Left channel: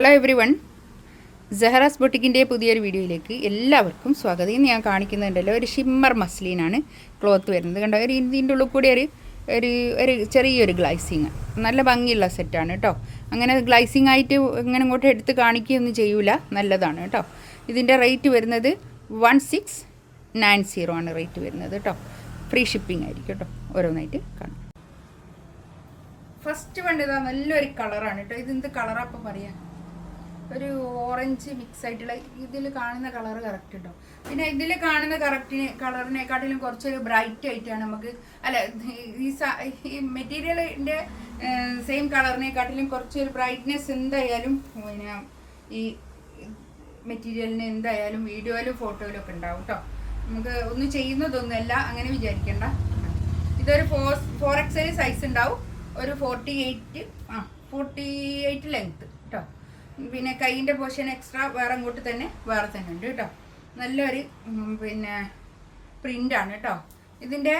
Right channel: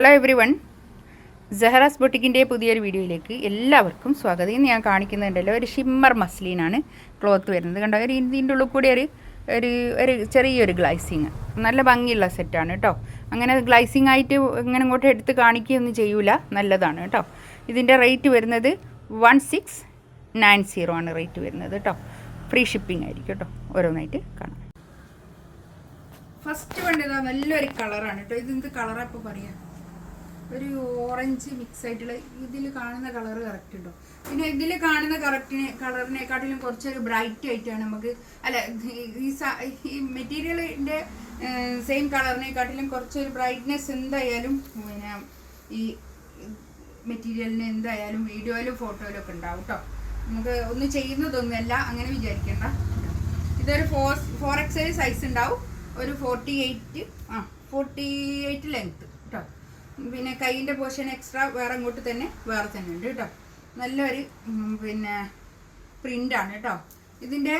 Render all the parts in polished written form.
Hello every one, സെഹറാസ് ബൊട്ടിക്കിൻ്റെ പുതിയൊരു വീഡിയോയിലേക്ക് എല്ലാവർക്കും സ്വാഗതം. ഇന്ന് ഞാൻ കാണിക്കുന്നുണ്ടല്ലോ ഒരു ഷിമ്മർ മസ്ലിനാണ് ക്ലോത്ത് വരുന്നത്. കണ്ടോ, ഒരു ഇതിൻ്റെ ഉള്ളിൽ കൂടി ഒരു ചെറിയൊരു ഗ്ലൈസിങ്, നല്ല ഭംഗിയുള്ള സെറ്റാണ് കേട്ടോ. അങ്ങനെ ഗ്ലൈസിങ് ആയിട്ട് ഇങ്ങനെ ഇങ്ങോട്ട് എടുത്ത് കാണിക്കുകയൊന്നും ചെയ്യൂല, നല്ലതാണ് കേട്ടോ. ഇതിൻ്റെ റേറ്റ് വരുന്നത് 1690 ആണ് റേറ്റ് വരുന്നത് കേട്ടോ. ഫ്രീ ഷിപ്പിംഗ് ആയിരിക്കും കേട്ടോ. ഓരോന്നായിട്ട് കാണാം. ഫസ്റ്റ് വേണ്ടത് നല്ലൊരു കളറാണ് കേട്ടോ. ഇതെന്ത് കളറാണ് അപ്പോൾ പറയാം, ഒരു ഓറഞ്ച് മിക്സ് ആയിട്ടുള്ള ഇതിൽ കാണുന്ന കളർ കറക്റ്റ് ഉണ്ടോ. പിന്നെ ഇതിൽ കാണുന്ന കളറിനെക്കാട്ടിലും കുറച്ചൊരു ബ്രൈറ്റ് ആയിട്ടാണ് നമുക്ക്, അല്ല ഈ മെറ്റീരിയലിൻ്റെ സെയിം കളറിനെക്കാട്ടിലും കുറച്ചൊരു ബ്രൈറ്റ്നെസ് എന്തായാലും പിന്നെ ഈ മെറ്റീരിയലിന് എന്തായാലും വീഡിയോയിലും ഫോട്ടോയിലും ഒക്കെ ഉണ്ടാവും കേട്ടോ. നമുക്ക് ഒന്നും ചെയ്യുന്നതൊന്നുമല്ല, അങ്ങനെ വിചാരിക്കേണ്ട. ഇതൊരു 4XL സൈസ് ഉണ്ടാവും, ഒരു 48 ലെങ്ത്ത് കേട്ടോ. പിന്നെ കൈയിൻ്റെ പോർഷൻ എക്സ്ട്രാ വേറെ തന്നെ ഉണ്ട് കേട്ടോ. നല്ലൊരു പിന്നെ പ്രിൻ്റാണ് കേട്ടോ. ഇതിൻ്റെ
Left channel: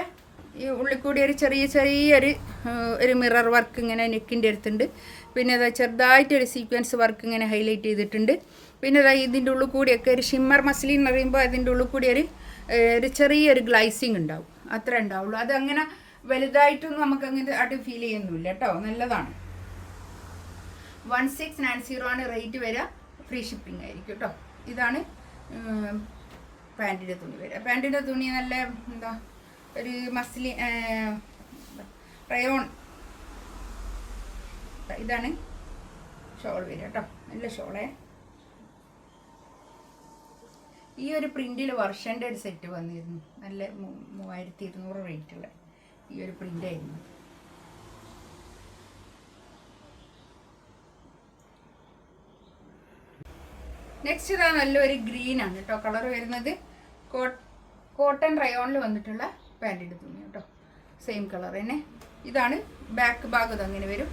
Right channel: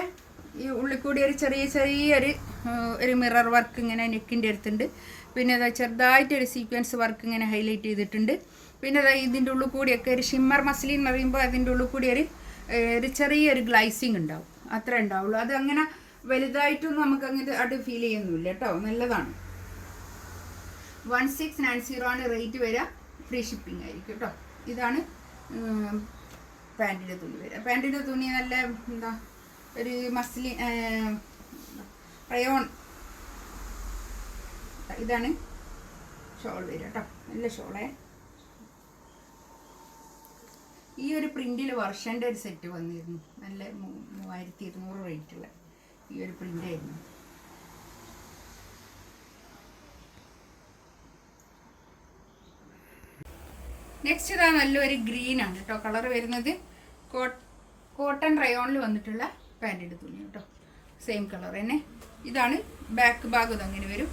ഈ ഉള്ളിൽ കൂടി ഒരു ചെറിയൊരു മിറർ വർക്ക് ഇങ്ങനെ നെക്കിൻ്റെ അടുത്തുണ്ട്. പിന്നെ അതാ ചെറുതായിട്ടൊരു സീക്വൻസ് വർക്ക് ഇങ്ങനെ ഹൈലൈറ്റ് ചെയ്തിട്ടുണ്ട്. പിന്നെ അതാ ഇതിൻ്റെ ഉള്ളിൽ കൂടിയൊക്കെ ഒരു ഷിമ്മർ മസ്ലിൻ എന്ന് പറയുമ്പോൾ അതിൻ്റെ ഉള്ളിൽ കൂടി ഒരു ചെറിയൊരു ഗ്ലൈസിങ് ഉണ്ടാവും, അത്ര ഉണ്ടാവുള്ളൂ. അതങ്ങനെ വലുതായിട്ടൊന്നും നമുക്ക് അങ്ങനെ അത് ഫീൽ ചെയ്യുന്നില്ല കേട്ടോ. നല്ലതാണ്. 1690 ആണ് റേറ്റ് വരിക. ഫ്രീ ഷിപ്പിംഗ് ആയിരിക്കും കേട്ടോ. ഇതാണ് പാൻറ്റിൻ്റെ തുണി വരിക. പാൻറ്റിൻ്റെ തുണി നല്ല എന്താ ഒരു മസ്ലിൻ റയോൺ. ഇതാണ് ഷോൾ വരിക കേട്ടോ. നല്ല ഷോളേ. ഈ ഒരു പ്രിൻറ്റിൽ വർഷൻ്റെ ഒരു സെറ്റ് വന്നിരുന്നു, നല്ല 3200 റേറ്റുള്ള ഈ ഒരു പ്രിൻ്റായിരുന്നു. നെക്സ്റ്റ് ഇതാ നല്ലൊരു ഗ്രീനാണ് കേട്ടോ കളർ വരുന്നത്. കോട്ടൺ റയോണിൽ വന്നിട്ടുള്ള പാൻറ്റിൻ്റെ തുണി കേട്ടോ. സെയിം കളർ തന്നെ. ഇതാണ് ബാക്ക് ഭാഗം. ഇതങ്ങനെ വരും.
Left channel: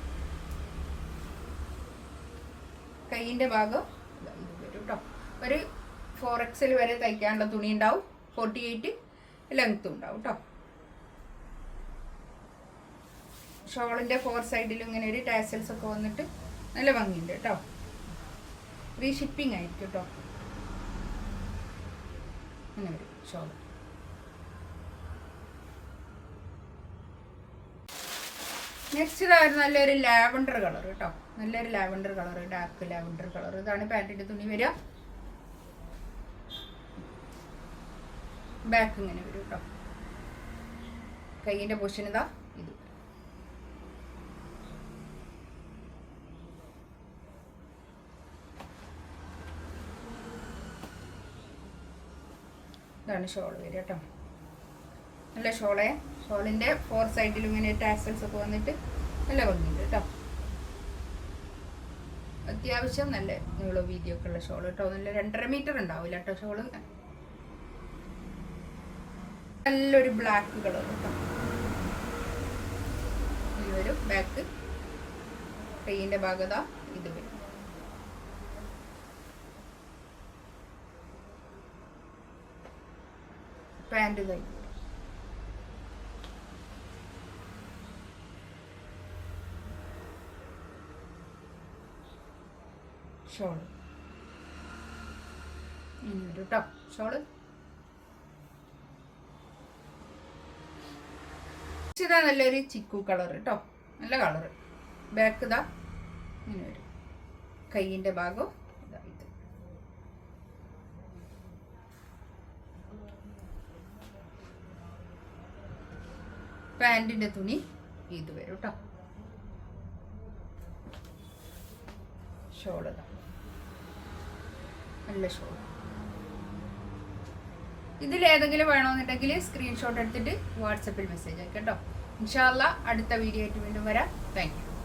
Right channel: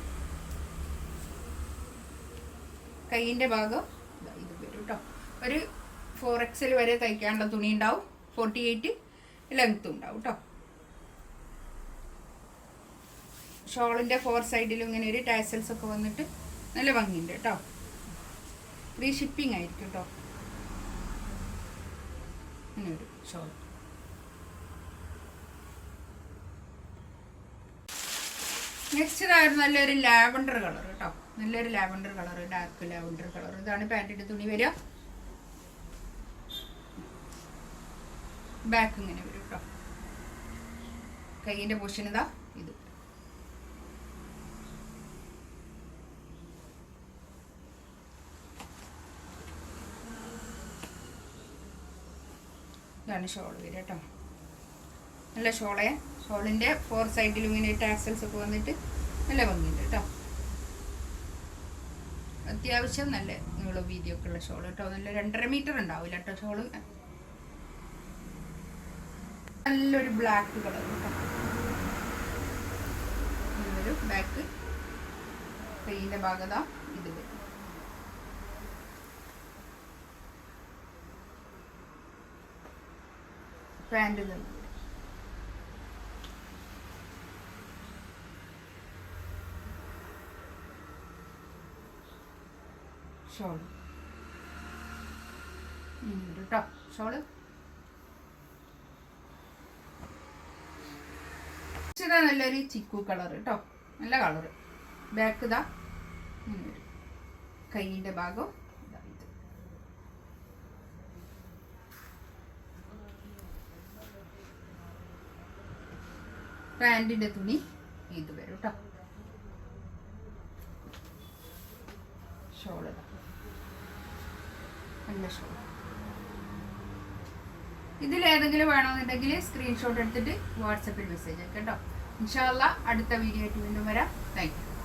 കൈയിൻ്റെ ഭാഗം ഇത് വരും കേട്ടോ. ഒരു 4XL വരെ തയ്ക്കാനുള്ള തുണി ഉണ്ടാവും. 48 ലെങ്ത്തും ഉണ്ടാവും കേട്ടോ. ഷോളിൻ്റെ 4 സൈഡിലും ഇങ്ങനെ ഒരു ടാസൽസ് ഒക്കെ വന്നിട്ട് നല്ല ഭംഗിയുണ്ട് കേട്ടോ. ഫ്രീ ഷിപ്പിംഗ് ആയിരിക്കും കേട്ടോ. ഇങ്ങനെ ഒരു ഷോൾ. നെക്സ്റ്റ് ഇതായിരുന്നു നല്ലൊരു ലാവണ്ടർ കളർ കേട്ടോ. നല്ലൊരു lavender colour, dark lavender colour. ഇതാണ് പാൻറ്റിൻ്റെ തുണി വരിക. ബാക്ക് ഇങ്ങനെ വരും കേട്ടോ. കൈയിൻ്റെ പൊസിഷൻ ഇതാ ഇത്. ഇതാണ് ഷോൾ വരിക കേട്ടോ. നല്ല ഷോളെ. ഷോളിൻ്റെ 4 സൈഡിലും ഇങ്ങനെ ടാക്സൽസ് ഒക്കെ വന്നിട്ട് നല്ല ഭംഗിയുണ്ട് കേട്ടോ. അത്യാവശ്യം നല്ല നീളം വീതിയൊക്കെ ഉള്ള ഷോൾ കേട്ടോ. നല്ല 2.5 മീറ്റർ ഉണ്ടാവില്ല കേട്ടോ ഷോള്. നല്ലൊരു ബ്ലാക്ക് കളർ കേട്ടോ. ഇതൊരു ബാക്ക്. കൈയിൻ്റെ ഭാഗത ഇത് വരും. പാൻറ് ഷോൾ കേട്ടോ. ഷോള് ഇതാ നല്ലൊരു ചിക്കു കളർ കേട്ടോ. നല്ല കളറ്. ബാക്ക് ഇതാ ഇങ്ങനെ വരും. കൈയിൻ്റെ ഭാഗം ഇതാ ഇത്. പാൻറ്റിൻ്റെ തുണി ഇത് വരും കേട്ടോ. ഷോള് നല്ല ഷോൾ. ഇതിലേതെങ്കിലും വേണമെന്നുണ്ടെങ്കിൽ സ്ക്രീൻഷോട്ട് എടുത്തിട്ട് വാട്സപ്പിൽ മെസ്സേജ് അയക്കാം കേട്ടോ. ഇൻഷാ അല്ലാഹ് അടുത്ത വീഡിയോ ആയിട്ട് വീണ്ടും വരാം. Thank you.